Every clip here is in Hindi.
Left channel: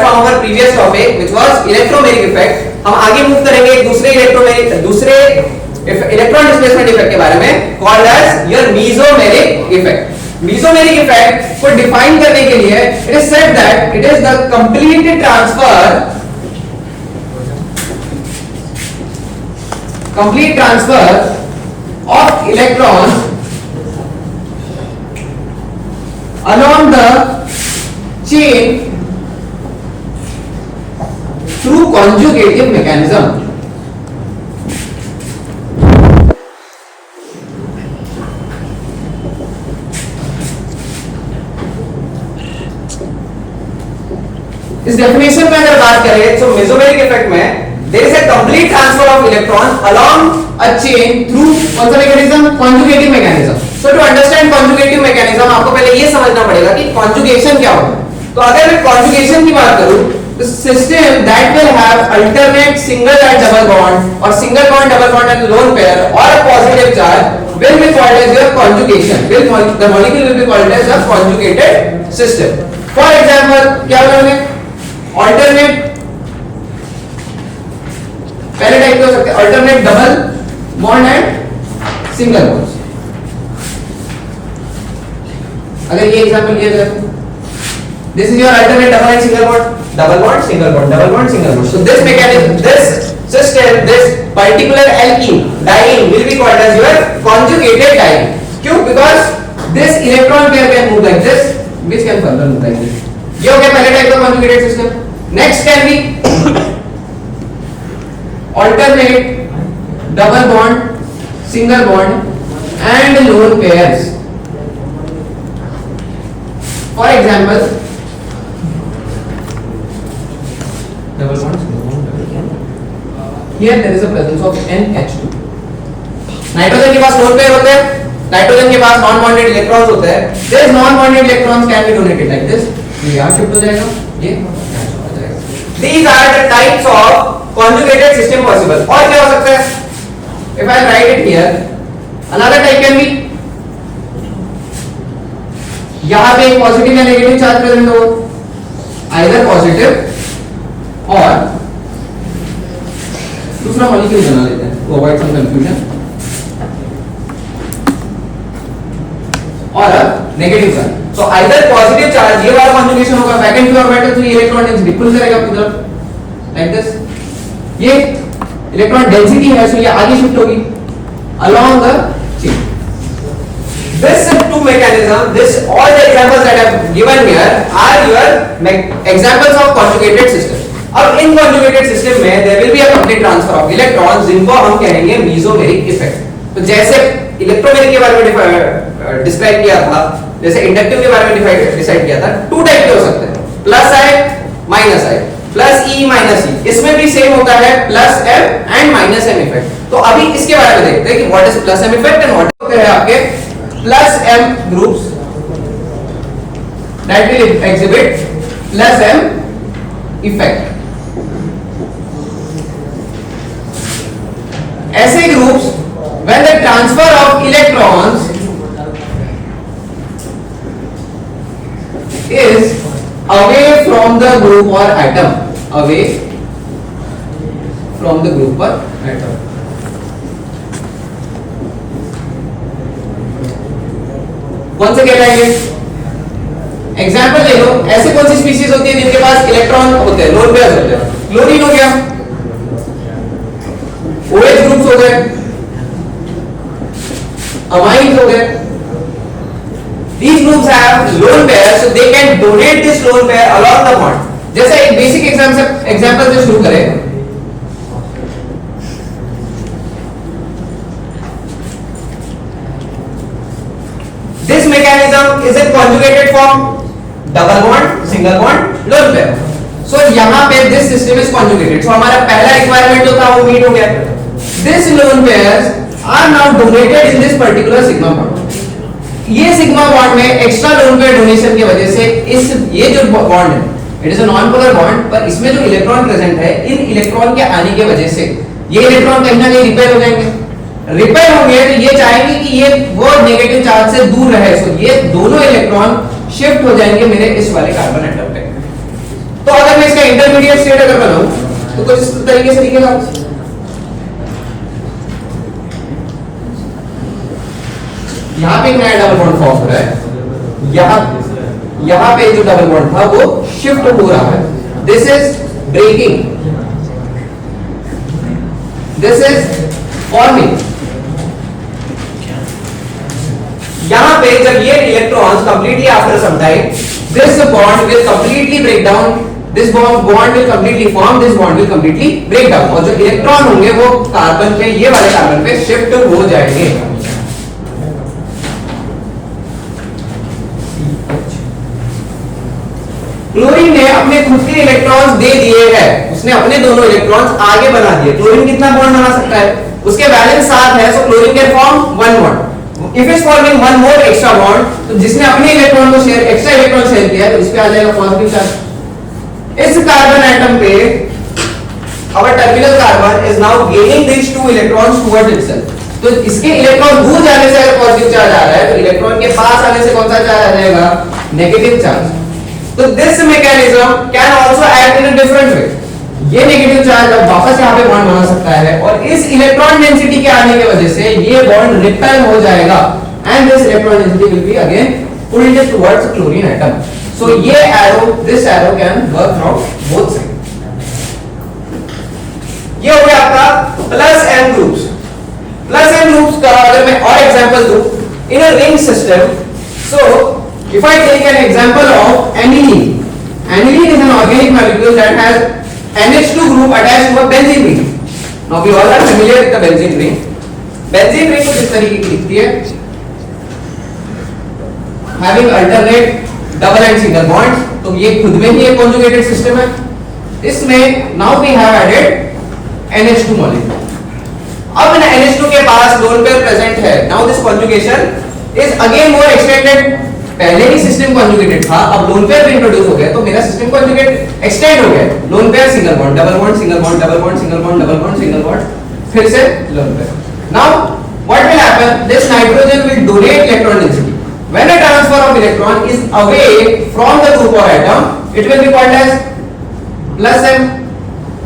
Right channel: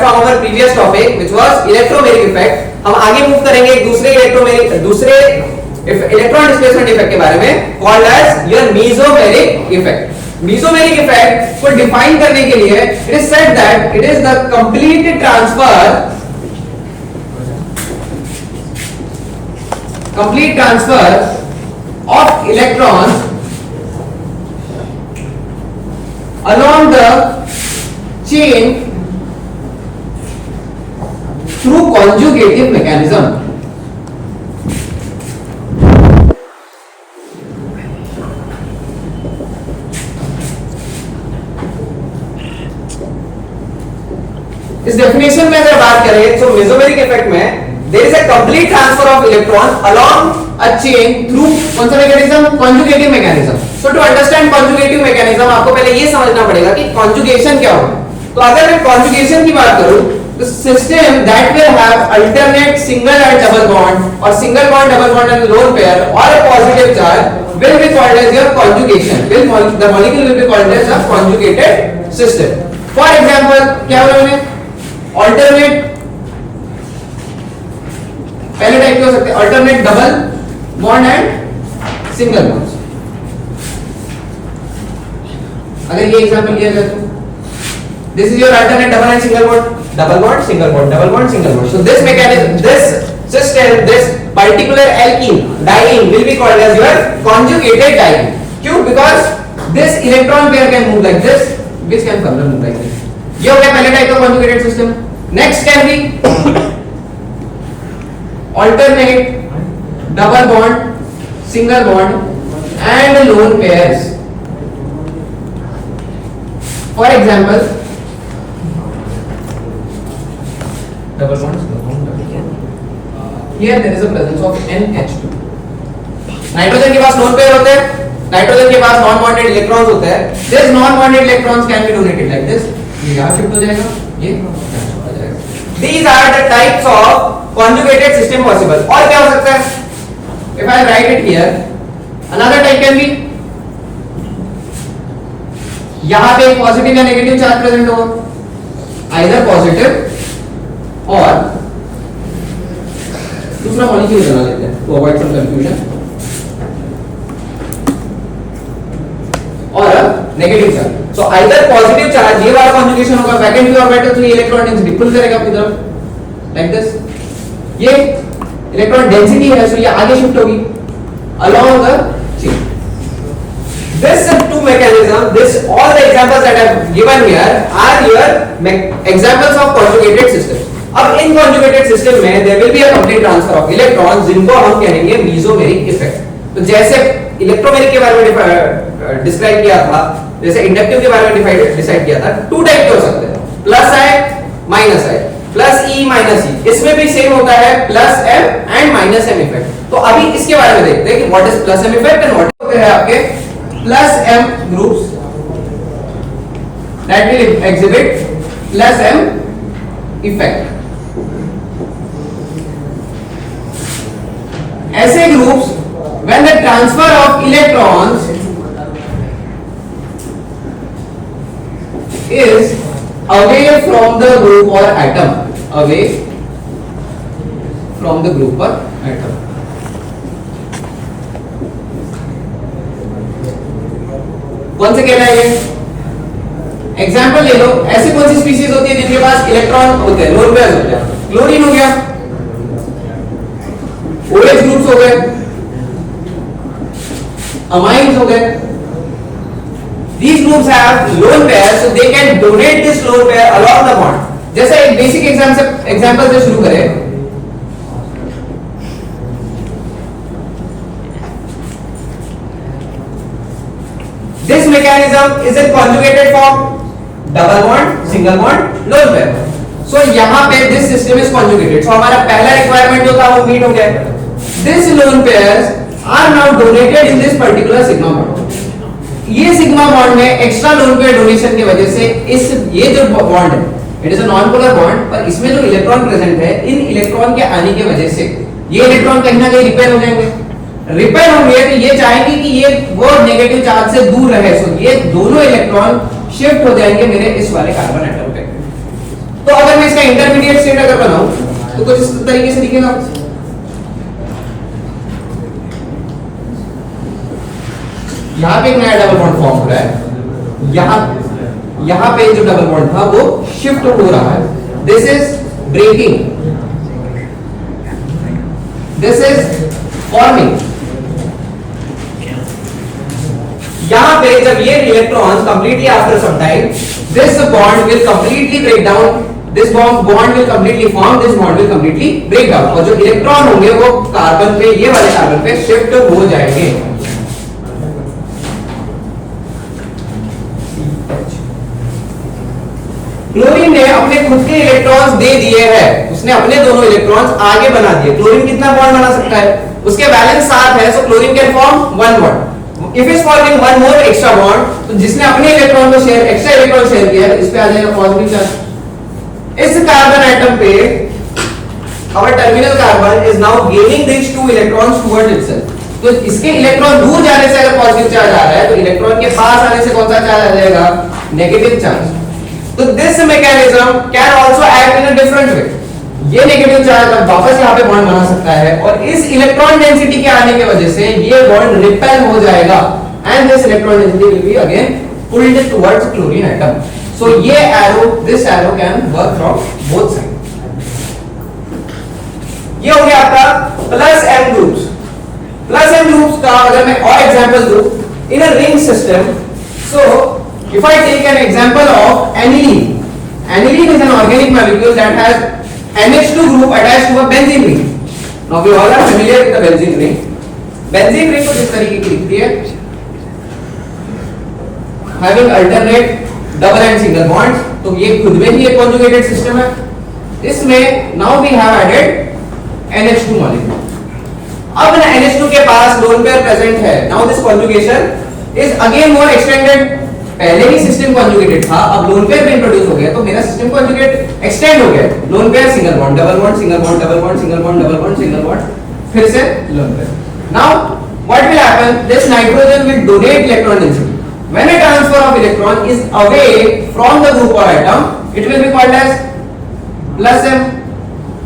Forward from our previous topic which was electromeric effect, हम आगे मूव करेंगे एक दूसरे इलेक्ट्रॉन डिस्प्लेसमेंट इफेक्ट के बारे में, called as your mesomeric effect. Mesomeric effect को डिफाइन करने के लिए it is said that it is the complete transfer of electrons along the chain through conjugative mechanism. इस डेफिनेशन में अगर बात करें तो मेसोमेरिक इफेक्ट में there is a complete transfer of electron along a chain through कौन सा mechanism? Conjugative mechanism. So to understand conjugative mechanism आपको पहले ये समझना पड़ेगा कि conjugation क्या होता है। तो अगर मैं conjugation की बात करूं तो system that will have alternate single and double bond or single bond double bond and lone pair or a positive charge will be called as your conjugation. The molecule will be called as a conjugated system. For example क्या बोला alternate पहले टाइप के हो सकते हैं alternate double bond and single bond. अगर ये एग्जांपल लिया जाए तो this is your alternate double and single bond, double bond single bond, double bond single bond. So this mechanism, this system, this particular alkene diene will be called as your conjugated diene. क्यों? Because this electron pair can move like this, which can further move like this. ये हो गया पहले टाइप का conjugated system. Next can be alternate double bond, single bond and lone pairs. For example double bond, single bond, double bond. Here there is a presence of NH2. Nitrogen के पास lone pair होते हैं, नाइट्रोजन के पास नॉन बॉन्डेड इलेक्ट्रॉन्स होते हैं। These non bonded electrons can be donated like this. ये यहाँ शिफ्ट हो जाएगा, ये यहाँ शिफ्ट हो जाएगा। These are the types of conjugated system possible. और क्या हो सकता है? If I write it here, another type can be यहाँ पे पॉजिटिव या नेगेटिव चार्ज प्रेजेंट होगा, either पॉजिटिव और दूसरा मॉलिक्यूल बना लेते हैं to avoid some confusion, और negative charge. So either positive charge ये वाला कॉन्जुगेशन होगा बैक एंड की ऑर्बिटल, तो ये इलेक्ट्रॉन डेंसिटी पुल करेगा अपनी तरफ like this। ये इलेक्ट्रॉन डेंसिटी है, सो ये आगे शिफ्ट होगी along the chain. This two mechanism, this all the examples that I have given here are your examples of conjugated systems. अब इन conjugated system में there will be a complete transfer of electrons, जिनको हम कहेंगे mesomeric effect। तो जैसे इलेक्ट्रोमेरिक के बारे में डिस्क्राइब किया था, जैसे इंडक्टिव के बारे में डिसाइड किया था, टू टाइप के हो सकते हैं, plus I minus I, plus E minus E. इसमें भी सेम होता है plus M and minus M effect. तो अभी इसके बारे में देखते हैं कि what is plus M effect and what होते हैं आपके plus M groups that will exhibit plus M effect. ऐसे groups when the transfer of electrons is away from the group or atom, away from the group or atom। कौन से कह रहा है ये? एग्जाम्पल ले लो, ऐसी कौन सी स्पीशीज होती है जिनके पास इलेक्ट्रॉन होते हैं, लोन पेयर्स होते हैं? क्लोरीन हो गया, OH ग्रुप्स हो गए, amines हो गए। These groups have lone pair, so they can donate this lone pair along the bond। जैसे एक बेसिक एग्जांपल से शुरू करें, this mechanism is a conjugated form, double bond, single bond, lone pair। So यहाँ पे this system is conjugated, so हमारा पहला रिक्वायरमेंट जो था वो मीट हो गया। This lone pairs are now donated in this particular sigma bond। ये सिग्मा बॉन्ड में एक्स्ट्रा लोन पेयर डोनेशन की वजह से इस ये जो बॉन्ड है, it is a non polar bond, पर इसमें जो इलेक्ट्रॉन प्रेजेंट है, इन इलेक्ट्रॉन के आने की वजह से ये इलेक्ट्रॉन कहीं ना कहीं रिपेयर हो जाएंगे। रिपेयर होंगे तो ये चाहेंगे कि ये वो नेगेटिव चार्ज से दूर रहे, सो ये दोनों इलेक्ट्रॉन शिफ्ट हो जाएंगे मेरे इस वाले कार्बन एटम पे। तो अगर मैं इसका इंटरमीडिएट स्टेट अगर बनाऊं तो कुछ इस तरीके से दिखेगा। यहां पे एक नया डबल बॉन्ड फॉर्म हो रहा है, यहां पे जो डबल बॉन्ड था वो शिफ्ट हो रहा है। This is breaking, this is forming. यहां पे जब ये electrons completely after some time this bond will completely break down, this bond will completely form, this bond will completely break down, और जो इलेक्ट्रॉन होंगे वो कार्बन पे, ये वाले कार्बन पे शिफ्ट हो जाएंगे। क्लोरीन ने अपने खुद के इलेक्ट्रॉन्स दे दिए हैं, उसने अपने दोनों इलेक्ट्रॉन्स आगे बना दिए। क्लोरीन कितना बॉन्ड बना सकता है? उसके वैलेंस 7 है, so chlorine can form 1 bond. If is forming 1 more extra bond, तो जिसने अपने इलेक्ट्रॉन को शेयर, एक्स्ट्रा इलेक्ट्रॉन शेयर किया है, इस पे आ जाएगा पॉजिटिव चार्ज। इस कार्बन एटम पे our terminal carbon is now gaining these 2 electrons towards itself। तो इसके इलेक्ट्रॉन दूर जाने से अगर पॉजिटिव चार्ज आ रहा है, तो इलेक्ट्रॉन के पास आने से कौन सा चार्ज आ जाएगा? Negative charge. तो this mechanism can also act in a different way. ये नेगेटिव चार्ज अब वापस यहाँ पे बॉन्ड बना सकता है, और इस इलेक्ट्रॉन डेंसिटी के आने की वजह से ये बॉन्ड रिपेल हो जाएगा, and this electron density will be again pulled towards chlorine atom. So ये arrow, this arrow can work from both side. ये हो गया आपका plus N groups. Plus N groups का अगर मैं और एग्जांपल दूं, in a ring system, so if I take an example of aniline, aniline is an organic molecule that has NH2 group attached to a benzene ring. Now we all are familiar with the benzene ring. Benzene ring कुछ इस तरीके की दिखती है, having alternate double and single bonds। तो ये खुद में ही एक conjugated system है। इसमें now we have added NH2 molecule। अब ना NH2 के पास lone pair present है। Now this conjugation is again more extended। पहले ही सिस्टम कॉन्जुगेटेड था, अब लोन पेयर भी इंट्रोड्यूस हो गया, तो मेरा सिस्टम कॉन्जुगेट एक्सटेंड हो गया। Lone pair single bond, double bond, single bond, double bond, single bond, double bond, single bond, फिर से lone pair. Now what will happen? This nitrogen will donate electron density. When a transfer of electron is away from the group or atom, it will be called as plus m।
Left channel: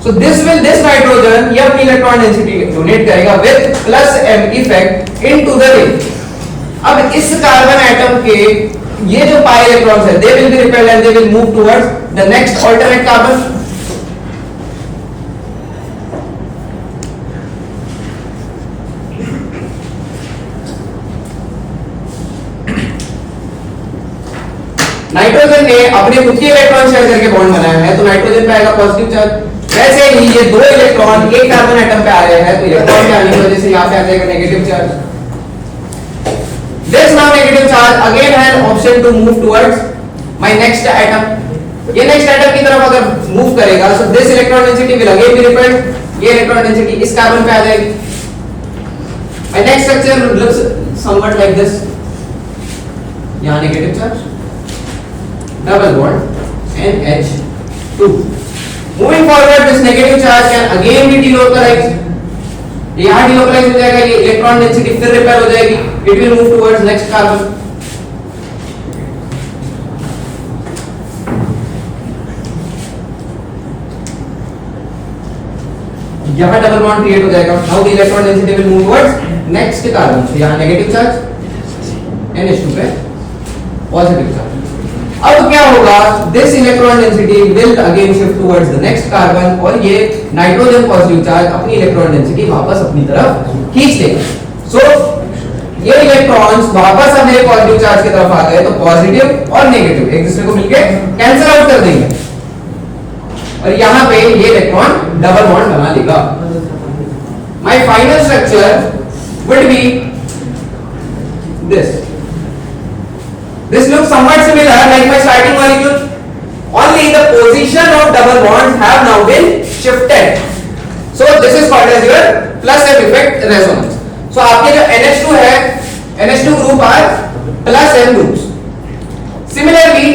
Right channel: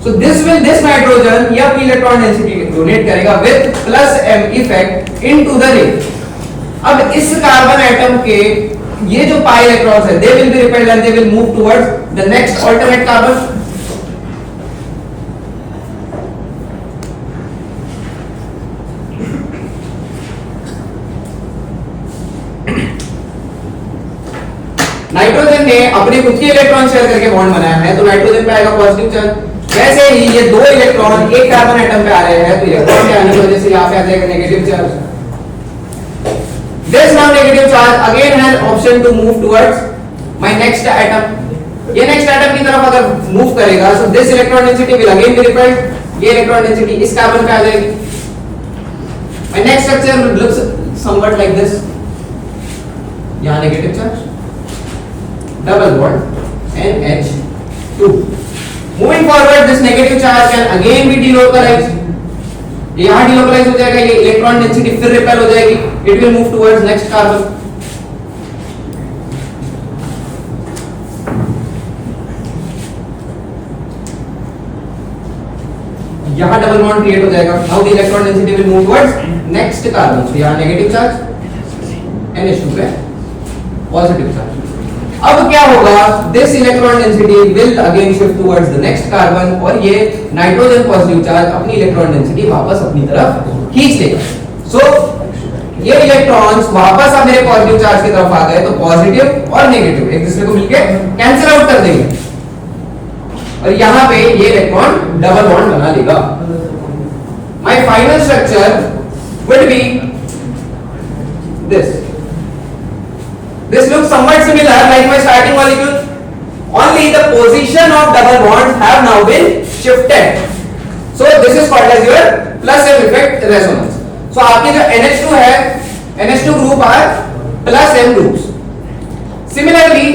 So this nitrogen ये अपनी इलेक्ट्रॉन डेंसिटी डोनेट करेगा with plus m effect into the ring. अब इस कार्बन एटम के ये जो पाई इलेक्ट्रॉन्स है, they will be repelled and they will move towards the next alternate carbon। Nitrogen ने अपने खुद के इलेक्ट्रॉन शेयर करके बॉन्ड बनाया है, तो नाइट्रोजन पे आएगा पॉजिटिव चार्ज। वैसे ही ये 2 इलेक्ट्रॉन एक कार्बन एटम पे आ रहे हैं, तो इलेक्ट्रॉन के आने की वजह से यहाँ पे आ जाएगा negative charge. This now negative charge again has option to move towards my next atom। ये next atom की तरफ अगर move करेगा, so this electron density will again be repelled। ये electron density इस कार्बन पे आ जाएगी। My next structure looks somewhat like this। यहाँ negative charge, double bond, NH2। Moving forward, this negative charge can again be delocalized। यहाँ डिलोकलाइज हो जाएगा, ये इलेक्ट्रॉन डेंसिटी फिर रिपेल हो जाएगी, it will move towards next carbon. यहाँ डबल बॉन्ड क्रिएट हो जाएगा। Now the electron density will move towards next carbon. तो यहाँ नेगेटिव चार्ज, NH2 पे पॉजिटिव चार्ज। अब क्या होगा? This electron density will again shift towards the next carbon, और ये नाइट्रोजन पॉजिटिव चार्ज अपनी इलेक्ट्रॉन डेंसिटी वापस अपनी तरफ खींच लेगा। सो ये इलेक्ट्रॉन्स वापस अब मेरे पॉजिटिव चार्ज की तरफ आ गए, तो पॉजिटिव और नेगेटिव एक दूसरे को मिलके कैंसिल आउट कर देंगे, और यहाँ पे ये इलेक्ट्रॉन डबल बॉन्ड बना लेगा। My final structure would be this. This looks somewhat similar like my starting molecule, only the position of double bonds have now been shifted। So this is called as your plus m effect resonance। So आपके जो NH2 है, NH2 group are plus m groups। Similarly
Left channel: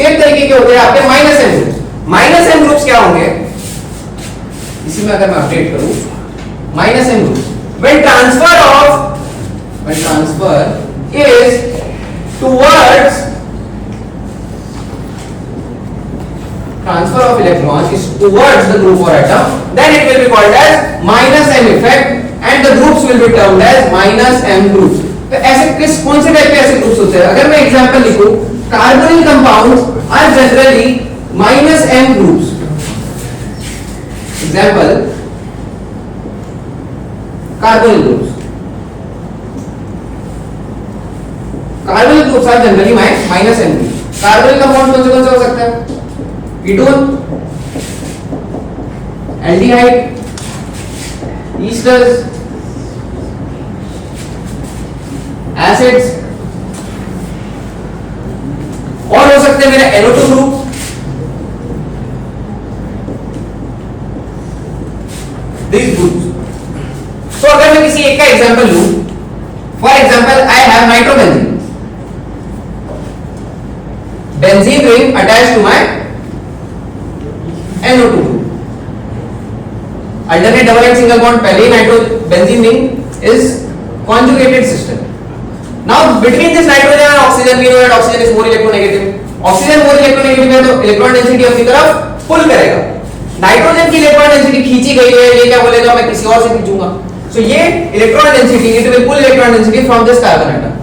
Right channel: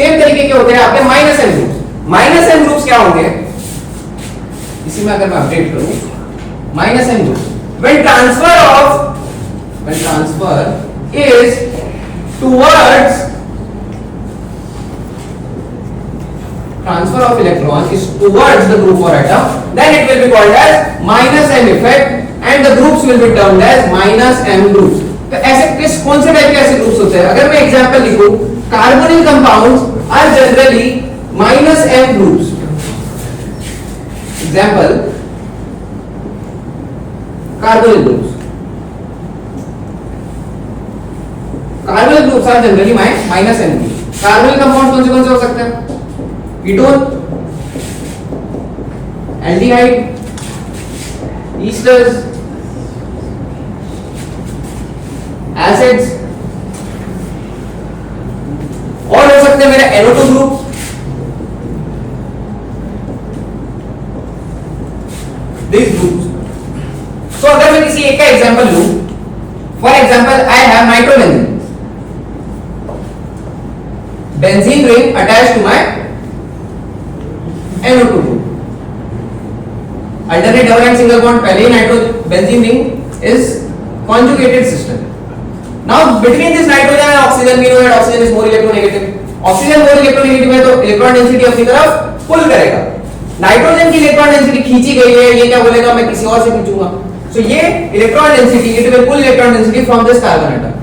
same तरीके के होते हैं आपके minus m groups। Minus m groups क्या होंगे? इसी में अगर मैं अपडेट करूं, minus m groups when transfer is towards transfer of electron is towards the group or atom, then it will be called as minus m effect and the groups will be termed as minus m groups. तो ऐसे कौन से टाइप के ऐसे ग्रुप्स होते हैं? अगर मैं एग्जांपल लिखूं, carbonyl compounds are generally minus m groups. Example, carbonyl groups. Carbonyl groups are generally minus m groups. Carbonyl compound कौन से हो सकता है? कीटोन, एल्डिहाइड, ईस्टर्स, एसिड्स, और हो सकते हैं मेरे NO2 ग्रुप, these groups. तो अगर मैं किसी एक का एग्जांपल लूं, for example I have nitrobenzene, benzene ring attached to my NO2 group. Alternate double and single bond, पहले ही nitro benzene ring is conjugated system. Now between this nitrogen and oxygen, we know that oxygen is more electronegative. Oxygen more electronegative है तो इलेक्ट्रॉन डेंसिटी अपनी तरफ पुल करेगा. नाइट्रोजन की इलेक्ट्रॉन डेंसिटी खींची गई है, ये क्या बोलेगा, मैं किसी और से खींचूंगा. So ये electron density, it will pull electron density from this carbon atom.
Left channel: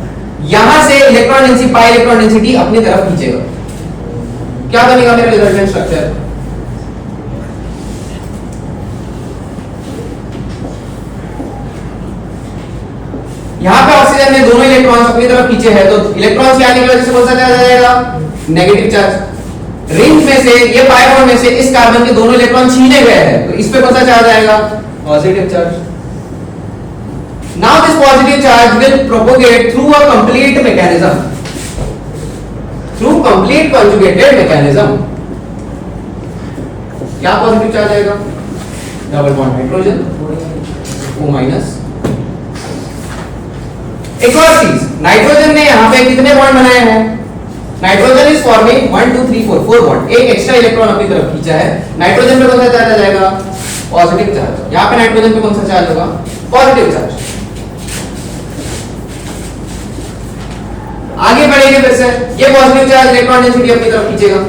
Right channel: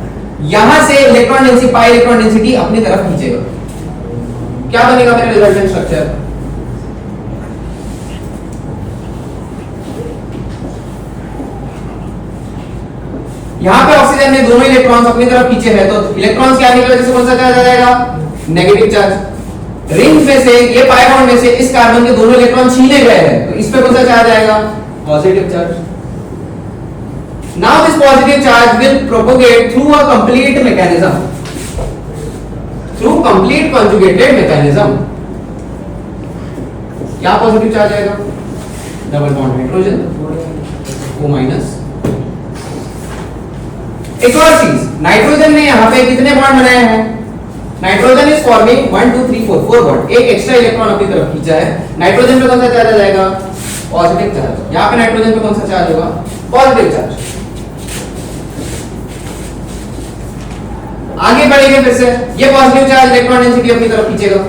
यहां से electron density, pi electron density अपनी तरफ खींचेगा. क्या बनेगा मेरा रिजल्टेंट स्ट्रक्चर? यहां पे ऑक्सीजन ने दोनों इलेक्ट्रॉन्स अपनी तरफ खींचे हैं, तो इलेक्ट्रॉन्स क्या निकलेगा, जिससे कौन सा चार्ज आ जाएगा? Negative charge. रिंग में से, ये पाई बॉन्ड में से इस कार्बन के दोनों इलेक्ट्रॉन छीने गए हैं, तो इस पे कौन सा चार्ज आएगा? Positive charge. Now this positive charge will propagate through a complete mechanism, through complete conjugated mechanism. क्या पॉजिटिव चार्ज आएगा? Double bond hydrogen, O minus. एक और चीज, नाइट्रोजन ने यहाँ पे कितने बॉन्ड बनाए हैं? Nitrogen is forming 1 2 3 4 4 bond. एक एक्स्ट्रा इलेक्ट्रॉन अपनी तरफ खींचा है. नाइट्रोजन पे कौन सा चार्ज आ जाएगा? Positive charge. यहाँ पे नाइट्रोजन पे कौन सा चार्ज होगा? Positive charge. आगे बढ़ेंगे फिर से, ये पॉजिटिव चार्ज इलेक्ट्रॉन डेंसिटी अपनी तरफ खींचेगा.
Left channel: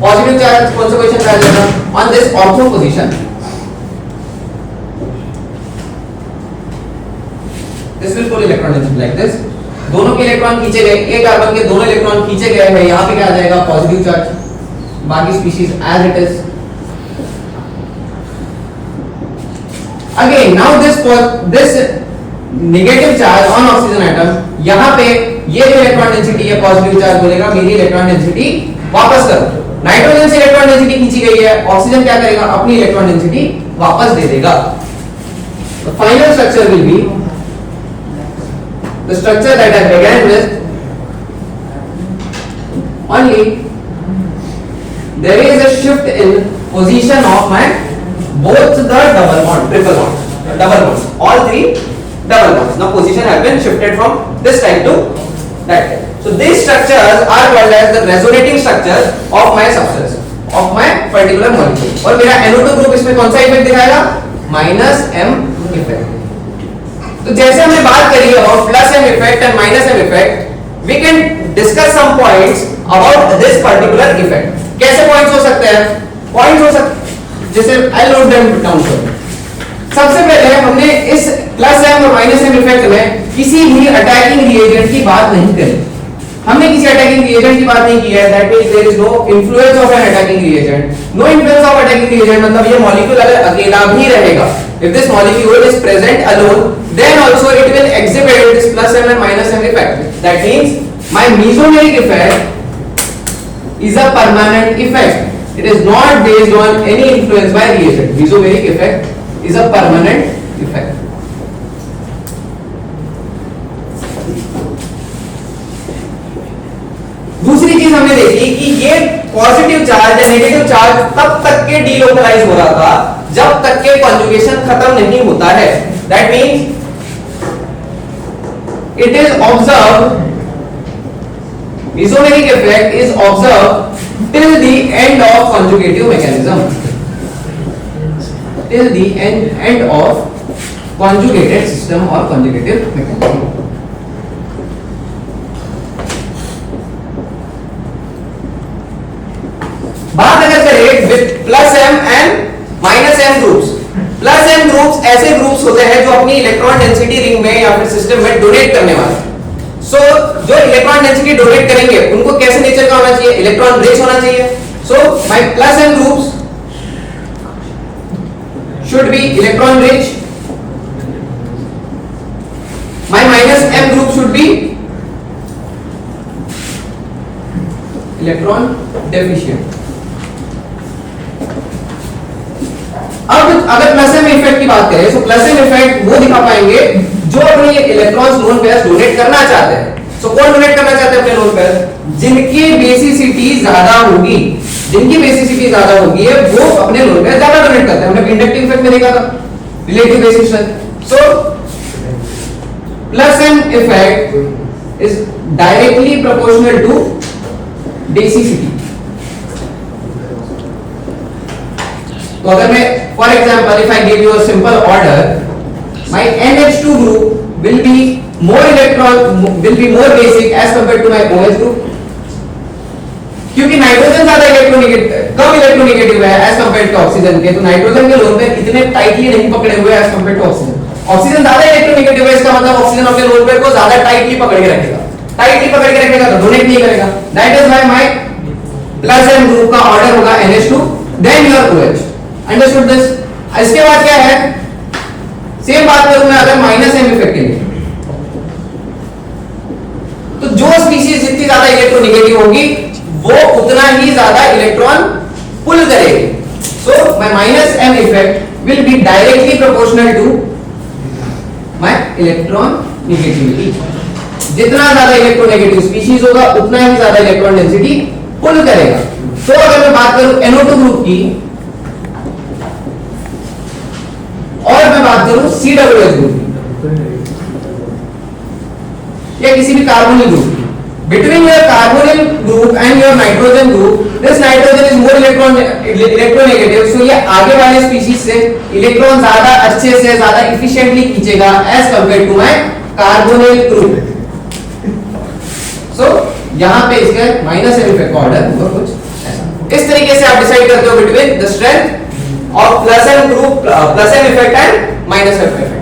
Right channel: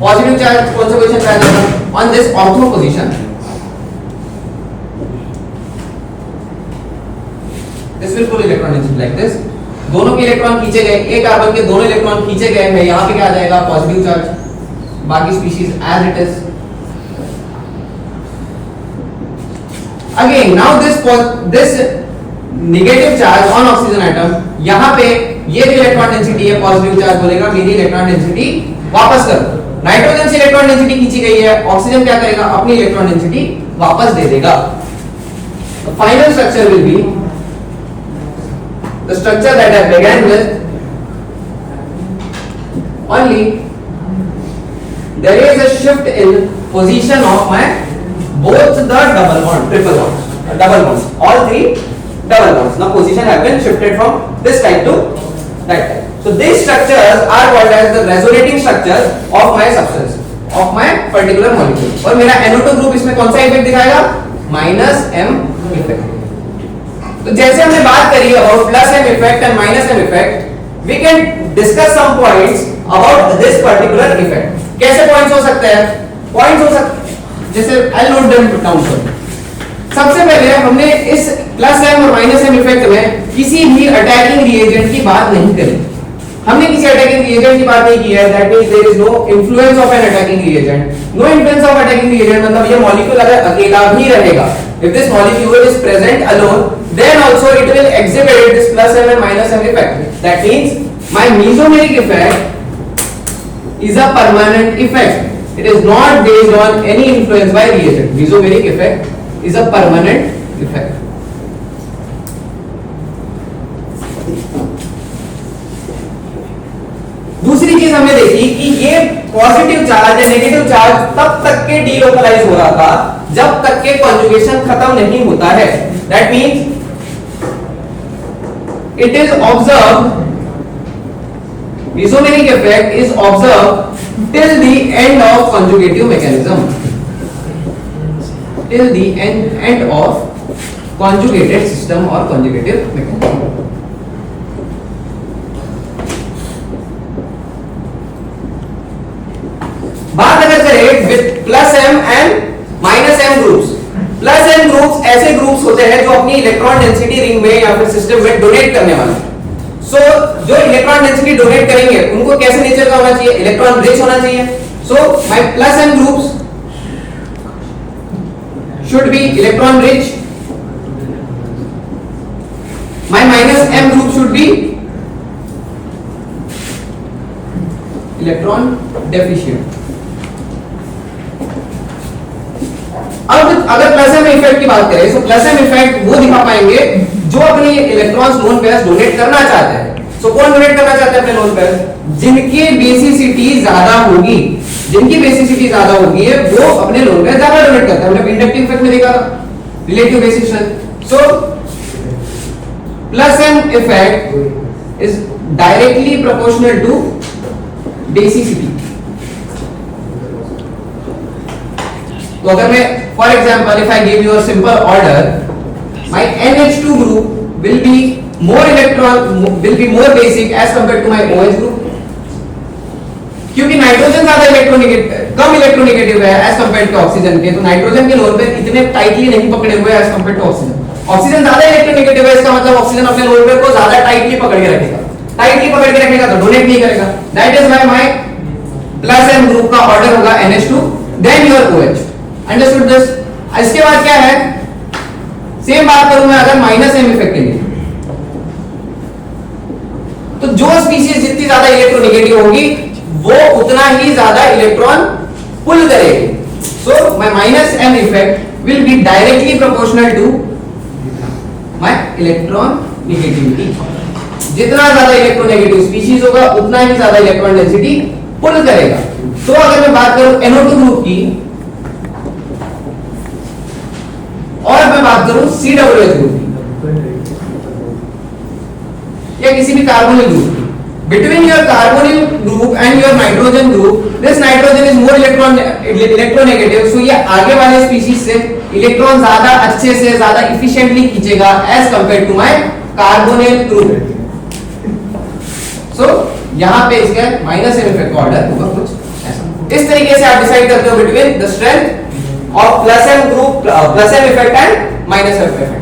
पॉजिटिव चार्ज कौन सा पोजीशन पे आ जाएगा? On this ortho position. This will pull electron density like this. दोनों के इलेक्ट्रॉन खींचे गए, एक कार्बन के दोनों इलेक्ट्रॉन खींचे गए हैं, यहां पे क्या आ जाएगा? Positive charge. बाकी species as it is. Again now this negative charge on oxygen atom, यहां पे ये जो इलेक्ट्रॉन डेंसिटी है पॉजिटिव चार्ज बोलेगा मेरी इलेक्ट्रॉन डेंसिटी वापस करो. नाइट्रोजन से इलेक्ट्रॉन डेंसिटी खींची गई है, ऑक्सीजन क्या करेगा? अपनी इलेक्ट्रॉन डेंसिटी वापस दे देगा. The final structure will be the structure that I began with, only there is a shift in position of my both the double bond, triple bond, double bonds, all three double bonds. Now position have been shifted from this type to that type. So these structures are called as the resonating structures of my substance, of my particular molecule. और मेरा NO2 ग्रुप इसमें कौन सा इफेक्ट दिखाएगा? Minus m effect. तो जैसे हमने बात करी about plus m effect and minus m effect, we can discuss some points about this particular effect. कैसे पॉइंट्स हो सकते हैं? पॉइंट्स हो सकते जैसे I'll note them down for you. सबसे पहले हमने इस प्लस m और माइनस m इफेक्ट में किसी भी अटैकिंग रिएजेंट की बात नहीं करी. हमने किसी अटैकिंग रिएजेंट की बात नहीं की है. That means there is no influence of an attacking reagent. No influence of attacking reagent मतलब ये मॉलिक्यूल अगर अकेला भी रहेगा, if this molecule is present alone, then also it will exhibit this plus m and minus m effect. That means my mesomeric effect is a permanent effect. It is not based on any influence by reagent. Mesomeric effect is a permanent effect. दूसरी चीज हमने देखी कि ये पॉजिटिव चार्ज या नेगेटिव चार्ज तब तक के डीलोकलाइज हो रहा था जब तक के कॉन्जुगेशन खत्म नहीं होता है. That means it is observe, mesomeric effect is observed till the end of conjugative mechanism, till the end of conjugated system or conjugative mechanism. बात अगर plus M and minus M groups. Plus M groups ऐसे ग्रुप्स होते हैं जो अपनी इलेक्ट्रॉन डेंसिटी रिंग में या फिर सिस्टम में डोनेट करने वाले। सो जो इलेक्ट्रॉन डेंसिटी डोनेट करेंगे उनको कैसे नेचर का होना चाहिए? इलेक्ट्रॉन रिच होना चाहिए। So my plus M groups should be electron rich, my minus m group should be electron deficient। अब अगर प्लस एम इफेक्ट की बात करें तो प्लस एम इफेक्ट वो दिखा पाएंगे जो अपने इलेक्ट्रॉन्स लोन पेयर्स डोनेट करना चाहते हैं। सो कौन डोनेट करना चाहते हैं अपने लोन पेयर्स? जिनकी बेसिसिटी ज्यादा होगी, जिनकी बेसिसिटी ज्यादा होगी है वो अपने लोन पेयर ज्यादा डोनेट करते हैं। हमने इंडक्टिव इफेक्ट में देखा था, relative basicity. So plus M effect is directly proportional to basicity. तो अगर मैं for example if I give you a simple order, my NH2 group will be more basic as compared to my OH group, क्योंकि नाइट्रोजन ज्यादा कम इलेक्ट्रोनेगेटिव है एज कंपेयर्ड टू ऑक्सीजन के। तो नाइट्रोजन के लोन पेयर इतने टाइटली नहीं पकड़े हुए as compared to oxygen. Oxygen ज्यादा इलेक्ट्रोनेगेटिव है, इसका मतलब ऑक्सीजन अपने लोन पेयर को ज्यादा टाइटली पकड़ के रखेगा। टाइटली पकड़ के रखेगा तो डोनेट नहीं करेगा। That is why my plus M group का ऑर्डर होगा NH2 then your OH। Understood this? इसके बाद क्या है, सेम बात करूं मैं अगर माइनस एम इफेक्ट के लिए, तो जो स्पीशीज जितनी ज्यादा इलेक्ट्रोनेगेटिव होगी वो उतना ही ज्यादा इलेक्ट्रॉन पुल करेगी। So my minus M effect will be directly proportional to my electron negativity. जितना ज्यादा इलेक्ट्रोनेगेटिव स्पीशीज होगा उतना ही ज्यादा इलेक्ट्रॉन डेंसिटी पुल करेगा। तो अगर मैं बात करूं NO2 ग्रुप की और मैं बात करूं COOH ग्रुप की या किसी भी carbonyl group, between your carbonyl group and your nitrogen group, this nitrogen is more electronegative, so ये आगे वाले स्पीशीज से इलेक्ट्रॉन ज्यादा अच्छे से ज्यादा इफिशिएंटली खींचेगा as compared to my carbonyl group. So यहाँ पे इसका माइनस एम इफेक्ट ऑर्डर होगा कुछ ऐसा। इस तरीके से आप डिसाइड करते हो between the strength of plus M group, plus M effect and minus M effect.